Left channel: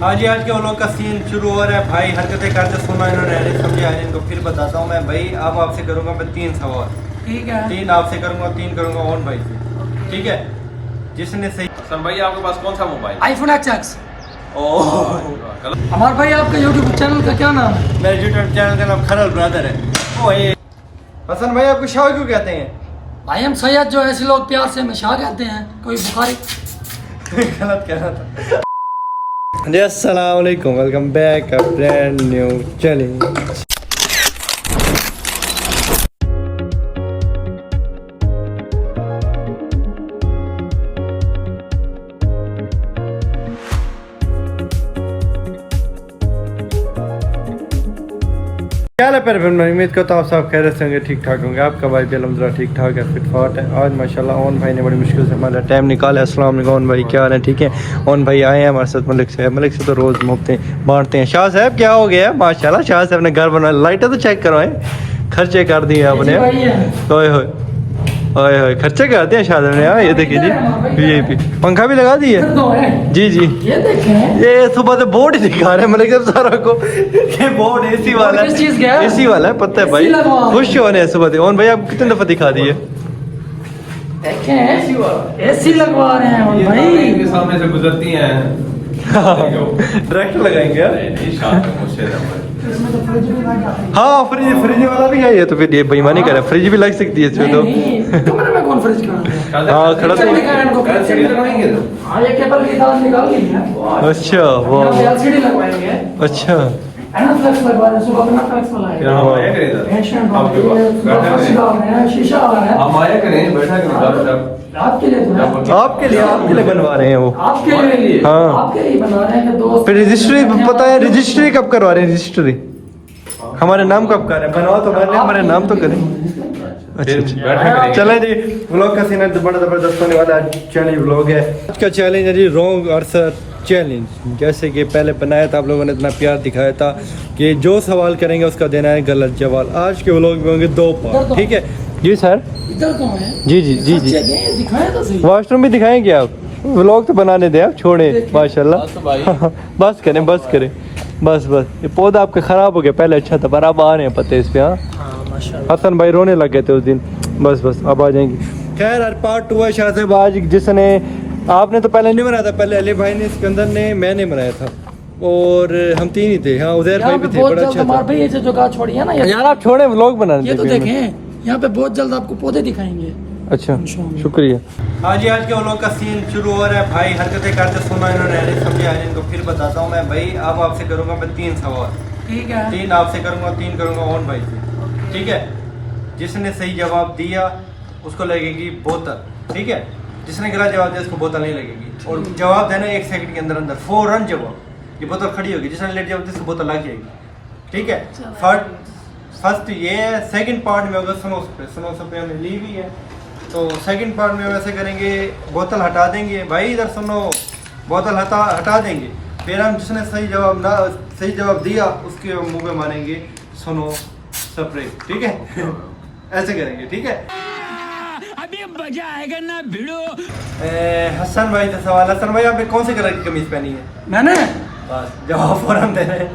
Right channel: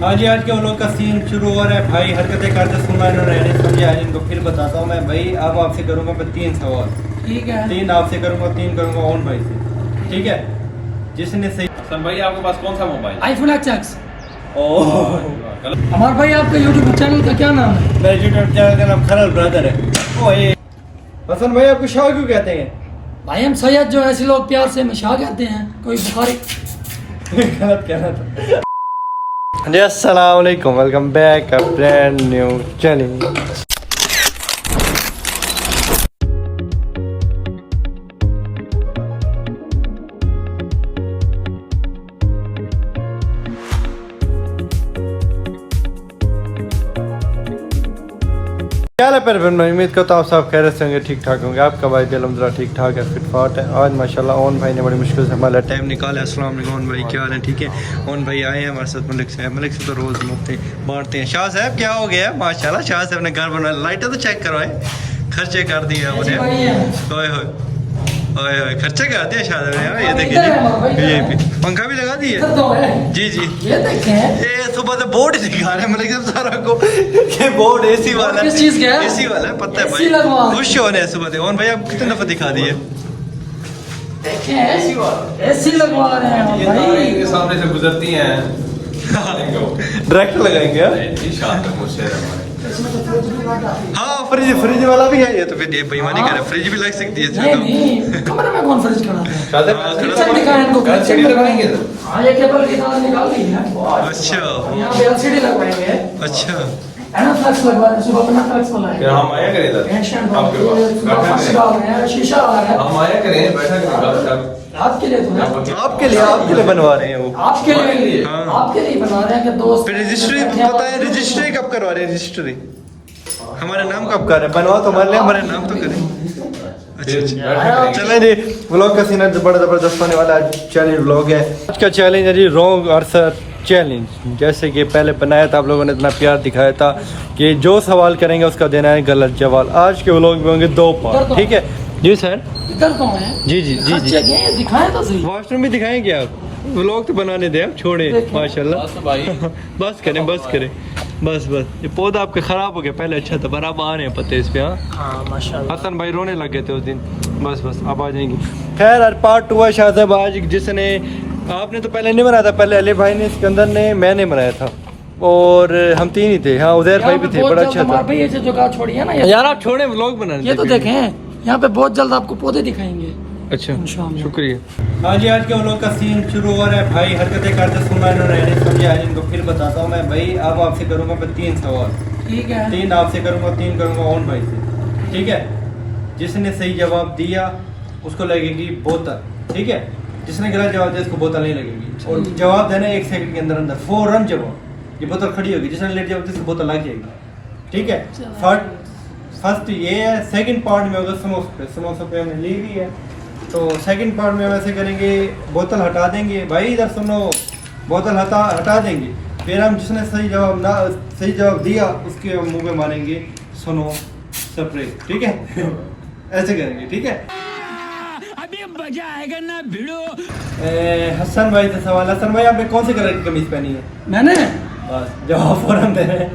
हाँ जी, आज के वो लोग का सीन शुरू हो रहा है। भाई हरकतें करते सुना इन्होंने नहीं समझा, इनको फिर बताता हूँ मैं। भाई अब आपसे करूंगा मैं 3 सवाल। ठीक है। 3 आपसे करूंगा, 3 करूंगा ओन भाई से। ठीक है, जिसने सही। हसन भाई आपके पास कौन सा मोबाइल? IPhone XS। ओह, हमारे भाई आपका यूट्यूब चैनल का क्या नाम है? मेरे यूट्यूब चैनल का नाम खरल ब्रदर है। ओए हसन भाई, आपको शाह क्यों कहते हैं? भाई हम सैयद जो ऐसे लोग प्यार से हमें शाह कहते हैं, कोई बुखारी। गलत कहना था। जी अस्सलाम वालेकुम, welcome back a brand new channel. क्या है पर मैं उम्मीद करता हूँ आप खैर से होंगे, ठीक ठाक होंगे। आपका भाई दिल अल्हम्दुलिल्लाह ठीक ठाक है, फिट फाट है। आज माशाल्लाह ओन भाई ने बड़ी मुश्किल से हमारा टाइम निकाला है। अस्सलाम वालेकुम ओन भाई, क्या हाल है? ठीक है। ओन भाई आए हैं हमारे साथ मलिक से तो रोज़ मोहब्बतें बांटते हैं। शाह साहब क्या हो गया माशाल्लाह, शाह साहब ने घर बना, लाइटें तो चेक करो है, खर्चे कर दिए आपने। ओए होए ओए होए, खर्चे करते हैं शाह साहब ने यार। ये देखिए जी, ये पंखा भी लगा दिए जी जी। ये सुबह से बोर्ड ही दिखा रहे हैं मलिक साहब सारा को, ये बोर्ड एसी वाला है, एसी वाला है, पता है भाई। खुश होने सुबह से। ओन भाई आप कितने दफा दिखा दिए? एसी लगवा रहे हैं हम भाई। सामने से गुजरती हैं डायरेक्ट लगाएंगे। हाँ फ्रिज वाला भी है ये, तो फिर ये बेईमानी कर रहा है। फ्रिज भी लग सकती है इसमें तो। कमरे में कौन फ्रिज खड़ा है? हाँ खड़ा चल दिखाएं इनको, एलसीडी लगाएंगे। हां ये केबल की तार निकाल दी है। अच्छा वो एलसीडी लगवाएंगे। अच्छा फ्लैक्स लगवाएंगे, सुबह अपना फ्लैक्स लगाएंगे। हम आया करें इधर, एशियन आपके पास शीशा लगा है। हम आया करें, बैठा करें बात साहब। आपके लिए तो है। आपके लिए बनवा रहे हैं वो। आपके लिए, हाँ। आपके लिए बना रहे हैं कि दोस्त। फिर रजिस्ट्री पता है, रजिस्ट्री कब करवा रहे हैं? रजिस्ट्री हमारे नाम कब कर रहे हैं? बनवा तो हमारे लिए, हमारे नाम तो करें। अच्छा चलें जी, व्लॉग का सीन बड़ा ज़बरदस्त होने वाला है। चैलेंज व्लॉग है आज का। चैलेंज है जी रॉन्ग आंसर चैलेंज। जैसे कि पहले बनाया था, आप लोगों ने इतना प्यार दिखाया था कि जो सवाल करेंगे उसका देना है गलत जवाब। आज के व्लॉग में होंगे 2 पार्ट, ठीक है जी सर? इधर कौन है? जी जी जी जी। दिखाएं तो सही। वॉशरूम भी दिखाएंगे आप? व्लॉग तो बनाने दें आप, छोड़े माशाल्लाह। बस करें बस करें, बस बस। ये पौधा आपका ख़राब हो गया, पहले अच्छा था पर अब आ रहे हैं पत्ते इस पे। हाँ हसन भाई रोने लग गए थे उस दिन। बस बस अब आ जाएंगे। खैर यार पार्ट 2 है शाह साहब आज, जिसने आपने तो पहले नहीं बनाया था, पहले अली भाई ने, सिकंदर ने, मैंने बनाया था और हम 3 ही थे। हाँ उजैर भाई भी थे, बड़ा अच्छा था भाई। ये जो बात छोड़िए ना यार, आप छोड़े व्लॉग बनाने। ये तो देखें, यहाँ पे बहुत जल्द आपको पौधे दिखाएंगे। अच्छा शुक्रिया। हाँ जी, आज के वो लोग का सीन शुरू हो रहा है। भाई हरकतें करते सुना इन्होंने नहीं समझा, इनको फिर बताता हूँ मैं। भाई अब आपसे करूंगा मैं 3 सवाल। ठीक है। 3 आपसे करूंगा, 3 करूंगा ओन भाई से। ठीक है, जिसने सही जवाब दिया उसको लगेगी बोतल। ठीक है, जिसने गलत जवाब दिया उसको बोतल नहीं लगेगी। और जवाब देना 1 सेकंड के अंदर अंदर, फौरन जवाब। ये बोतल खड़ी होगी, जिसने लेट जवाब दिया उसको बोतल लग जाएगी। ठीक है, फर्स्ट ये है। सेकंड पार्ट में होगा सुनो पे हमने ली हुई है, तो सेकंड पार्ट में वैसे करेंगे, बोतल हटा देंगे। भाई इधर सुनो, बोतल हटा देंगे, फिर हम जिसने सही जवाब दिया उसके मुंह में मारेंगे सुनो स्प्रे। ठीक है ऐसे करेंगे, ठीक है? अभी मजा आएगा ना भिड़ो। हसन भाई का सवाल। हसन भाई आपने कौन से कलर की कमीज पहनी है? मैंने बस जवाब फौरन दे रहे हैं।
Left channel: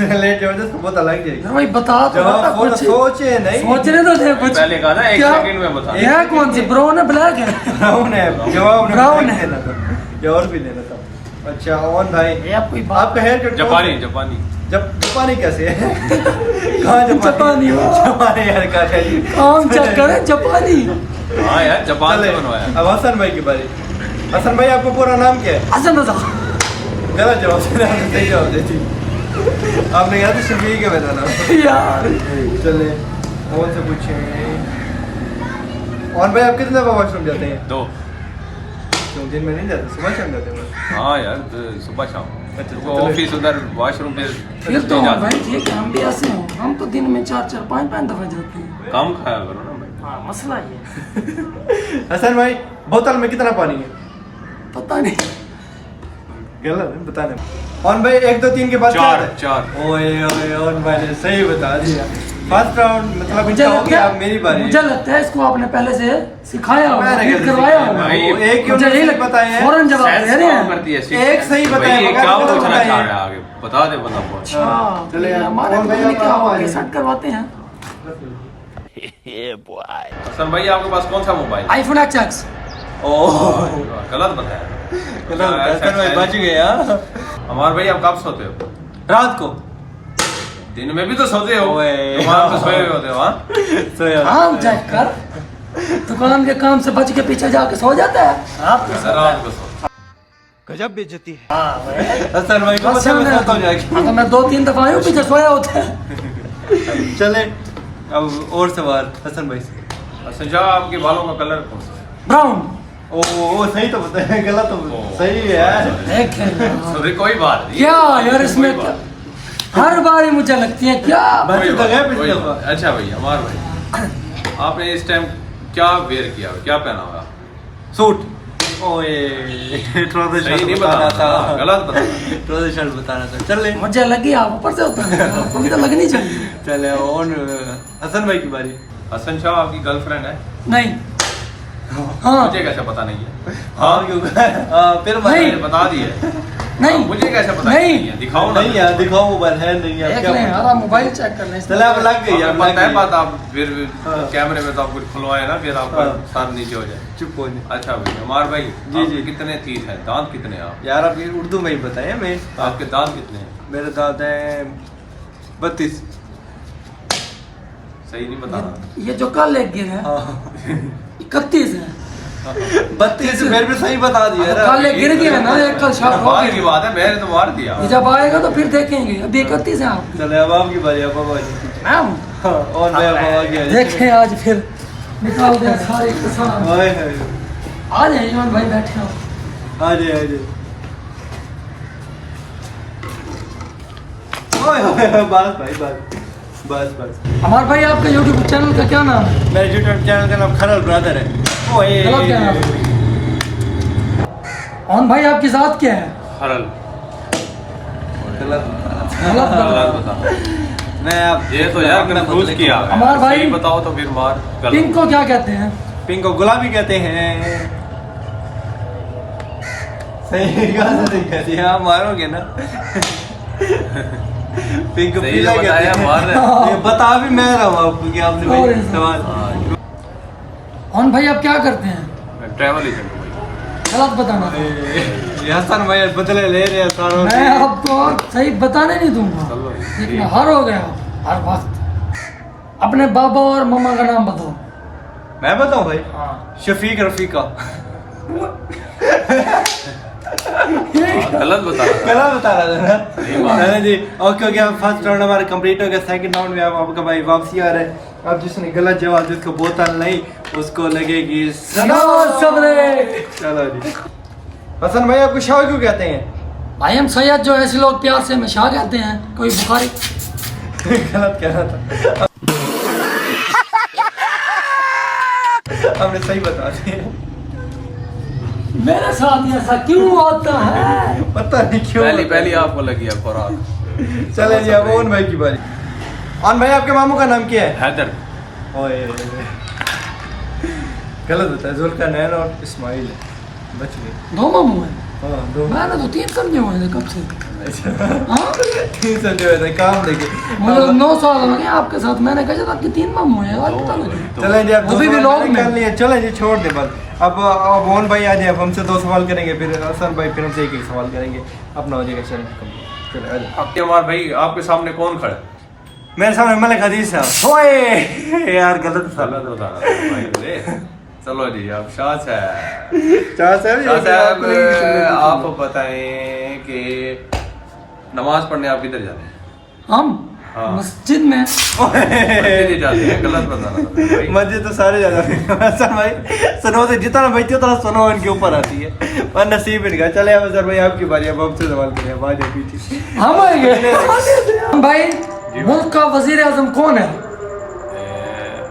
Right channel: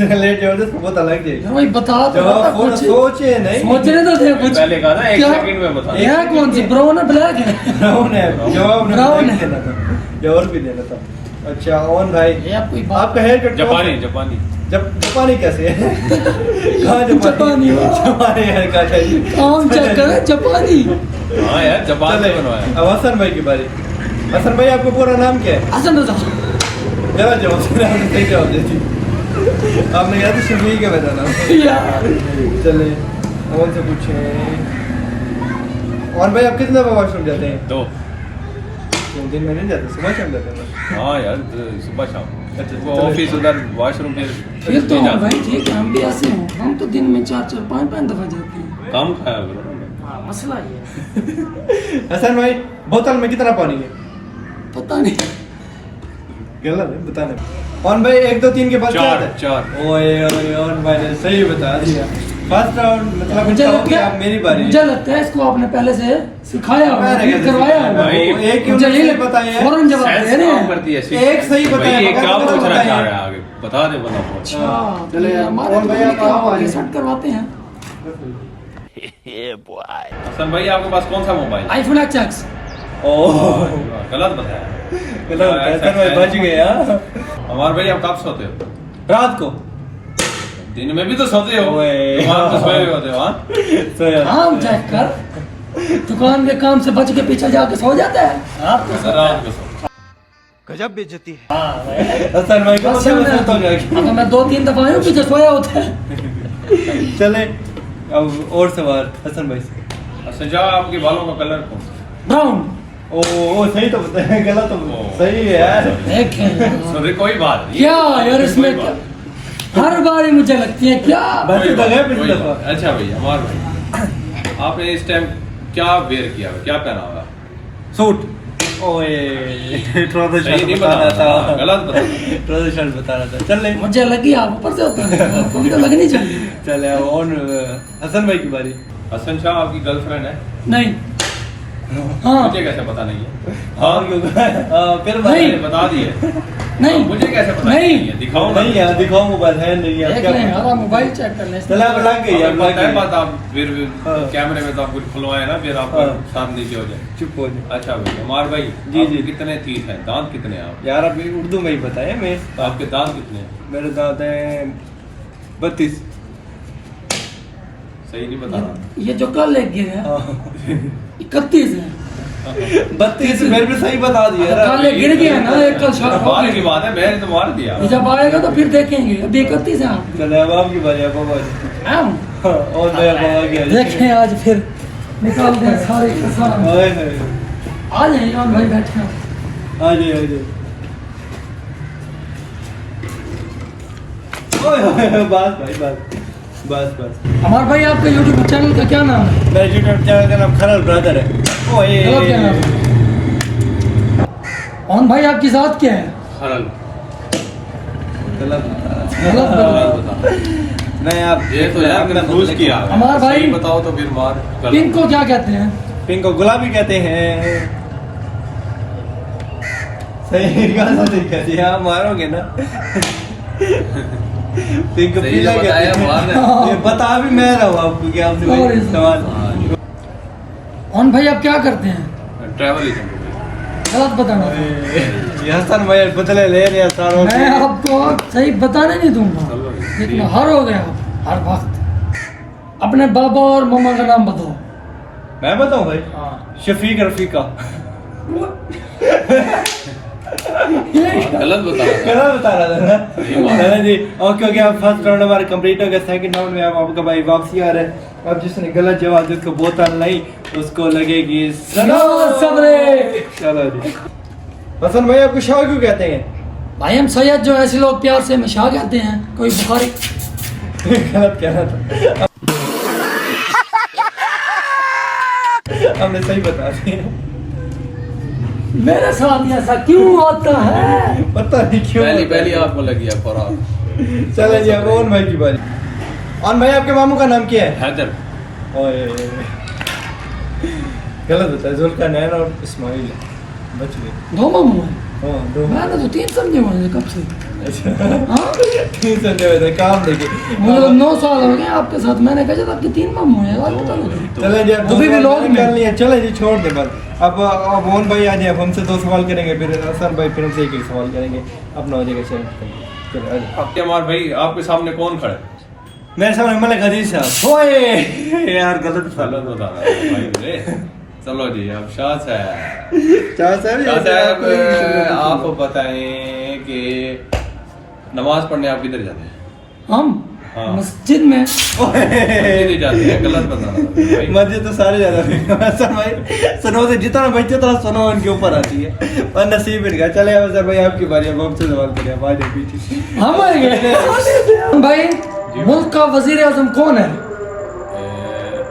लेट जाओ तो बहुत अलग जाएगी। भाई बता तो, जवाब बहुत सोचे नहीं, सोचने तो दे कुछ। पहले कहा था 1 सेकंड में बता। यह कौन सी ब्राउन है ब्लैक है? ब्राउन है जवाब, ब्राउन है देना था, जवाब भी देना था। अच्छा ओन भाई, ये आपको आपका हेयर कट जापानी जापानी कैसे है? कहाँ जापानी हेयर कट है जी? काम चेक करें, जापानी। हाँ यार जापान से बनवाया। अब हसन भाई की बारी। हसन भाई आपका पूरा नाम क्या है? हसन रजा। गलत जवाब से आपने सही जवाब दे दी। आपने कहा था शबीर के बताना यार। चले ओन से पूछे। ओन भाई आप कितने दफा वॉशरूम जाते हैं? 2। क्यों दिन में नहीं जाते, सुबह शाम जाते हैं बस? हाँ यार सुबह शाम, अच्छा, ऑफिस उधर वॉशरूम फिर तो भाई ठीक है, हम भी ऐसे हैं। हम तो दिन में 4-4, 5-5 दफा जाते हैं। कम खाया करो ना भाई। हाँ मसला ये है। हसन भाई बोतल में कितना पानी है? पता नहीं, गलत है बताने। ओन भाई 1 2 3 के बाद 4। ओए ओए ओन भाई ने सही बता दिया। फर्स्ट राउंड मतलब मुझे इनका हो लगता गया, अब है मेरी बारी मुझे लगता है इसको आपने पहले से सिखाया होगा, मैंने फिर कैसे करवाया सिखाया? होगा। भाई, एक मुझे यही लगता बताया है फौरन जवाब दे रहे हैं। करती है एक सही बताया भाई, ये होगा, क्या गलत पूछना बताया। चाह रहा है आगे बता दे बंदा बहुत अच्छा, चले ये यार, हमारे और भैया क्या आप होगा, आ सेट करवाते हैं। हसन भाई आपके पास कौन सा मोबाइल आईफोन एक्स। ओह गलत बताया गलत बताया सर भाई, बच गए हाँ। हमारे भाई आप कब सोते हो रात को दिन में भी तो सोते हो ओए। दुकान पे सोए हुए होते हो हाँ सोया काम चेक कर, दुकान के काम से बच के पीछे जाके सो जाता है। आप तो रात को सो गजब बेइज्जती है हसन भाई को पता है मैं सोता हूँ जाके। अगर मैं 2-3 दफा आया हूँ पीछे सोया होता है। चले अब और सवाल हसन भाई से। अच्छा जाओ आपके बालों का कलर कौन सा ब्राउन। ओ सही तो बताया, गलत तो ओ, सही है यार। सॉरी कोई बात नहीं क्या यार इसमें कोई क्या बात हर बार मुझे लगती है क्या। बच्चे तो गए पिछली कोई दफा। बात। अच्छा भाई हमारे भाई आपने इस टाइम क्या वेयर किया क्या पहना हुआ सूट ओए ट्राउजर सही शर्ट नहीं बताना बताना था, गलत बताना ट्राउजर शर्ट बताना था। चल ले मुझे लगी आप ऊपर से होते हैं, आपको भी तो लगनी चाहिए। चले ऑन हसन भाई की बारी। हसन शाह आपकी गर्लफ्रेंड है नहीं। हाँ मुझे कैसे पता नहीं है हाँ क्यों फिर नहीं। मैंने बता दिया नहीं मुझे कैसे पता नहीं। है दिखाओ ना नहीं यार दिखाओ मोबाइल है नहीं अब देख क्या लें पूछूं? यार, आप मोबाइल चेक कर लें। चले अब लग गई अब हमें लग पता है गई। बात आप फिर हाँ। कैमरे में तो आप कुछ खुलवाए ना फिर आप हाँ। साथ नीचे हो जाए चुप हो जाए अच्छा भाई हमार भाई जी, आपके जी। कितने तीत हैं दांत कितने हैं आप यार अभी उर्दू में ही बताया मैं। आपके दांत कितने हैं मेरे दांत हैं 32। सही नहीं बता रहा ये जो कल एक गिर है 31 है। 32 मेरे भी सही बता दिया ना। कल एक गिर गया ना, एक कल शाम हो बाहर की गई। बात है मैंने तो मार दिया ये जब आएगा तो फिर देखेंगे। अभी 31 है आप। चले अब आपकी बारी अब बाबा जी। मैम हाँ, और मैं अब आ गया देखें आज फिर निकाल दें सारे किसान। हाय हाय आ जाइए ईमान भाई, बैठे हो। आ जाए आ जाए ओए ओए, बस भाई बस हमारे भाई आपका यूट्यूब चैनल का क्या नाम है? मेरे यूट्यूब चैनल का नाम खरल ब्रदर है। ओए गलत क्या नाम है? ईमान भाई आपकी जात क्या है? खरल गलत गलत गलत बता। बता मैं अब ये तो यार कंफ्यूज किया हमारा भाई- सही बताओ तो फिर मार गलत। पिंक को क्या कहते हैं? पिंक को गुलाबी कहते हैं। सही कहा सही कहती है, आप मारोगे ना। पिंक सही पीला तो कहते बताया, हैं। मार रहे। ये बता भी मैं रहा हूँ आपको कि आपने Sorry, वही sorry। सवाल। हाँ, ईमान भाई आप क्या करते हैं? मैं ट्रैवल एजेंट हूँ भाई गलत बताना था। ये हसन भाई बदले ले रहे हैं सारों से। मैं आपको सही बताने नहीं दूंगा, चलो लेकिन हर हो गए हो हर वक्त। अपने बाबा और मम्मा का नाम बताओ। मैं बताऊं भाई शफीक रफीका। गलत बता रहा गलत बता रहा था ना दादा जी। ओके ओके अब फर्स्ट राउंड हमारा कंप्लीट हो गया। सेकंड राउंड में अब आपका भाई वापसी आ रहे हैं। अब जिसने गलत जवाब जिसको बोतल नहीं उसको लगेगी सनो सबरे। चलो जी हसन भाई आपको शाह क्यों कहते हैं? भाई हम सैयद जो ऐसे लोग प्यार से हमें शाह कहते हैं, कोई बुखारी। गलत कहना था। हमने सही बता दिया। मेरे साथ ऐसा क्यों होता है? पता नहीं क्यों पहली होता है। पहली आपको लगी है खुराक चले जी अब ओन भाई की बारी। ओन भाई आपके मामू का नाम क्या है? हैदर ओए गलत बताया, जुल्कारनैन और इस्माइल है। बच गए। 2 मामू हैं। हाँ दो। मैंने तो 3 समझे हुए हैं कब से। हाँ? 3 संडे हुए थे काम लेके। मुझे 9 साल हो गए आपके साथ, मैंने कहा था कि 3 मामू हैं, आज पता लगा। चले जी अब वो भी दो व्लॉग सवाल में। कर लिए। चले जी छोड़ दे बस। अब ओन भाई आ जाए, अब हमसे 2 सवाल करेंगे, फिर हसन भाई फिर हमसे एक सवाल करेंगे, अपना हो जाएगा चैलेंज कंप्लीट। चले आ जाए। आपके हमारे भाई आपके सामने कौन खड़ा है मेरे सामने मलिक हदीस साहब। ओए यार गलत था। गलत बता रहा था भाई मेरे। चलो जी अब शाह साहब शाह साहब शाह साहब ये आप बताएं कि नमाज पढ़ने आप किधर जाते हैं हम हाँ। मस्जिद में। मस्जिद ही जाते हैं गलत बताना था भाई मस्जिद तो सारे ज्यादा सर भाई सनो से जितना बचती उतना सनो इनके ऊपर आती है और नसीब इनका। चले अब सर भाई आपकी बारी। अब हमसे सवाल करें। अब आ जाए पीछे। हम आएंगे भाई। मुल्क का वजीर आजम कौन है?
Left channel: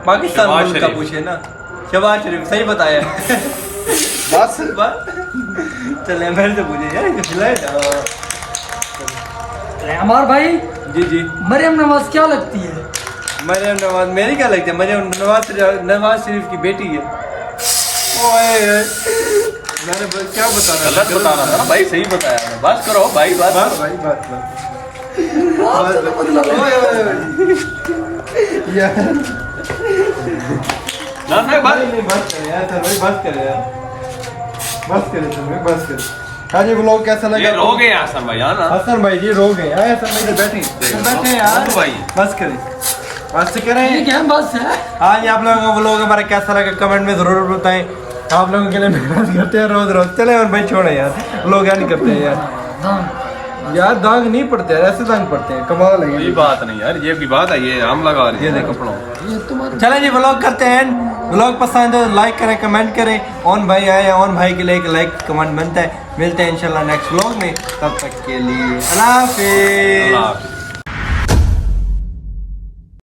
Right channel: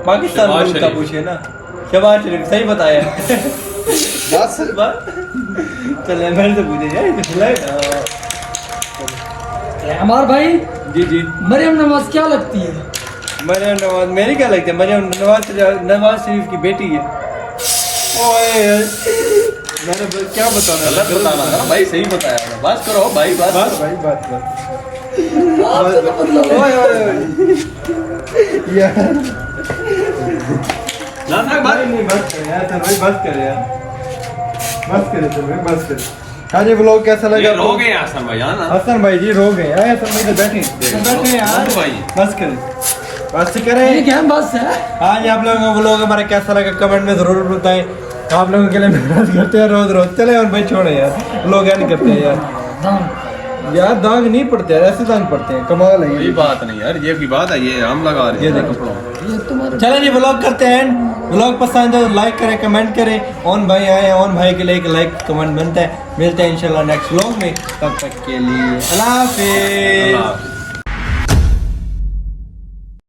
पाकिस्तान शहबाज मुल्क का शरीफ। पूछे ना। शहबाज शरीफ सही बताया। बस चले मेरे से पूछे यार इसे खिलाए ना। हमार भाई जी जी मरियम नवाज क्या लगती है? मरियम नवाज मेरी क्या लगती है? मरियम नवाज शरीफ की बेटी है। ओए मैंने क्या बताना गलत बताना था ना भाई, सही बताया मैं। बस करो भाई, बात बस भाई बात बात आपसे तो मतलब है। ओए ओए यार ना ना भाई बस। नहीं बस कर यार, भाई बस कर यार, बस करे तो भाई बस कर। हाँ जी व्लॉग कैसा लगा? ये रो गए हसन भाई, हाँ ना? हसन भाई जी रो गए। आए हसन भाई इधर बैठे बैठे यार, भाई बस करें बस करें। ये क्या बस है? आज आप लोगों को व्लॉग हमारा कैसा लगा कमेंट में जरूर बताएं। आप लोगों के लिए मेहनत करते हैं रोज रोज। चले और भाई छोड़े यार, व्लॉग यार नहीं करते हैं यार। दाम यार दाग नहीं पड़ते यार, ऐसे दाग पड़ते हैं, कमाल है ये ये। बात नहीं यार, ये भी बात है, ये हम लगा रहे हैं। ये देखो। कपड़ों। ये तुम्हारे चले जी व्लॉग करते हैं। व्लॉग पसंद है तो लाइक करें, कमेंट करें। ओन भाई आए हैं, ओन भाई के लिए एक लाइक कमेंट बनता है। मिलते हैं इंशाल्लाह नेक्स्ट व्लॉग में, तब तक के लिए अल्लाह हाफिज़। हाँ।